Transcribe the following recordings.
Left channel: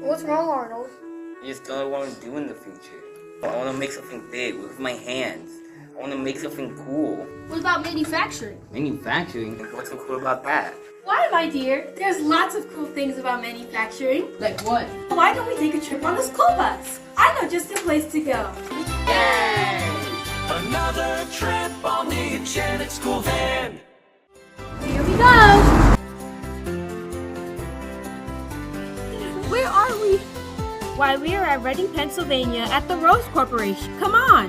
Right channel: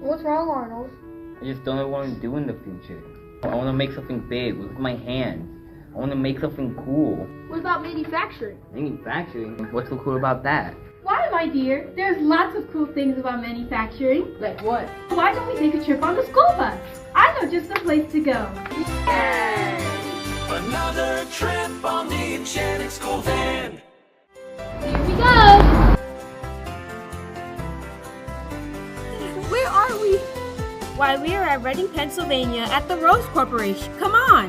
What's wrong, Arnold? I just don't know what I want to do in the future. I want to make something big with my hands. I want to make something cool. What about manufacturing? Manufacturing? What's so cool about that? Why, my dear? There's lots of cool things about manufacturing. Like what? Why don't we take a trip on the school bus? I know just a place to go. Yay! Another trip on the eGenics school van. Here we go. Where are we? Why, we are at Reading, Pennsylvania at the Rose Corporation. Come on.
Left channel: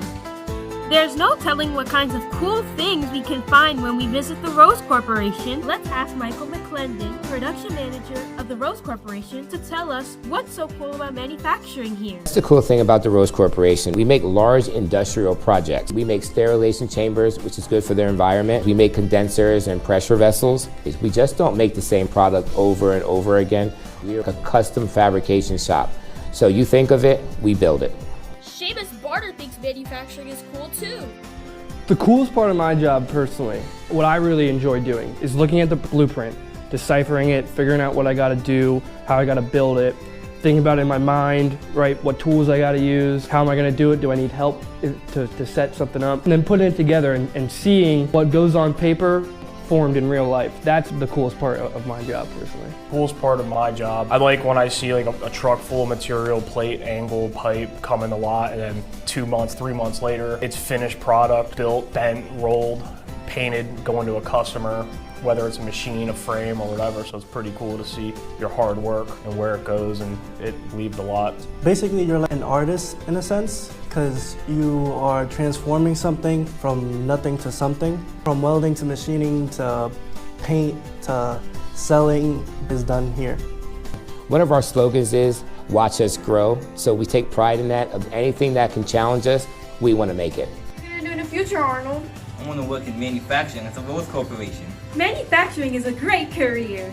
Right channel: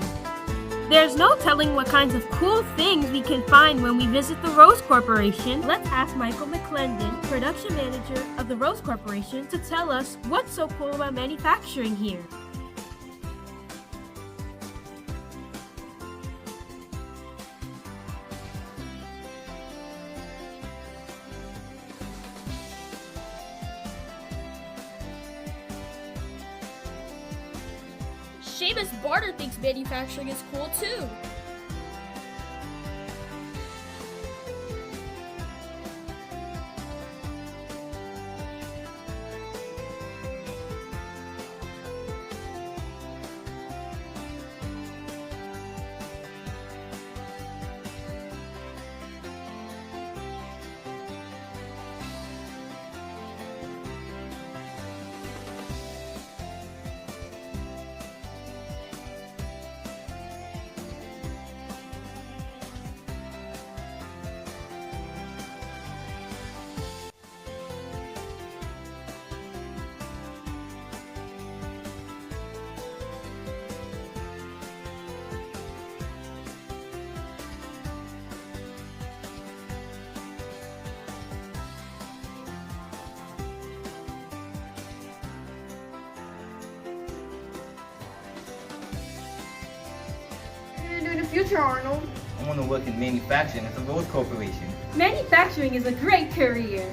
There's no telling what kinds of cool things we can find when we visit the Rose Corporation. Let's ask Michael McClendon, production manager of the Rose Corporation, to tell us what's so cool about manufacturing here. That's the cool thing about the Rose Corporation. We make large industrial projects. We make sterilization chambers, which is good for their environment. We make condensers and pressure vessels. We just don't make the same product over and over again. We're a custom fabrication shop. So you think of it, we build it. Seamus Barter thinks manufacturing is cool too. The coolest part of my job personally, what I really enjoy doing, is looking at the blueprint, deciphering it, figuring out what I gotta do, how I gotta build it, thinking about it in my mind, right, what tools I gotta use, how am I gonna do it, do I need help to set something up, and then putting it together and seeing what goes on paper formed in real life. That's the coolest part of my job personally. Coolest part of my job, I like when I see like a truck full of material, plate, angle, pipe come in the lot, and then 2 months, 3 months later, it's finished product, built, bent, rolled, painted, going to a customer, whether it's a machine, a frame, or whatever. So it's pretty cool to see your hard work and where it goes, and it leaves a lot. Basically, you're like an artist in a sense, because you are transforming something from nothing to something. From welding to machining to paint to selling is done here. One of our slogans is, watch us grow. So we take pride in that. Of anything that can challenge us, we want to make it. What are you going to do in the future, Arnold? I want to work in manufacturing at the Rose Corporation. Manufacturing is a great career.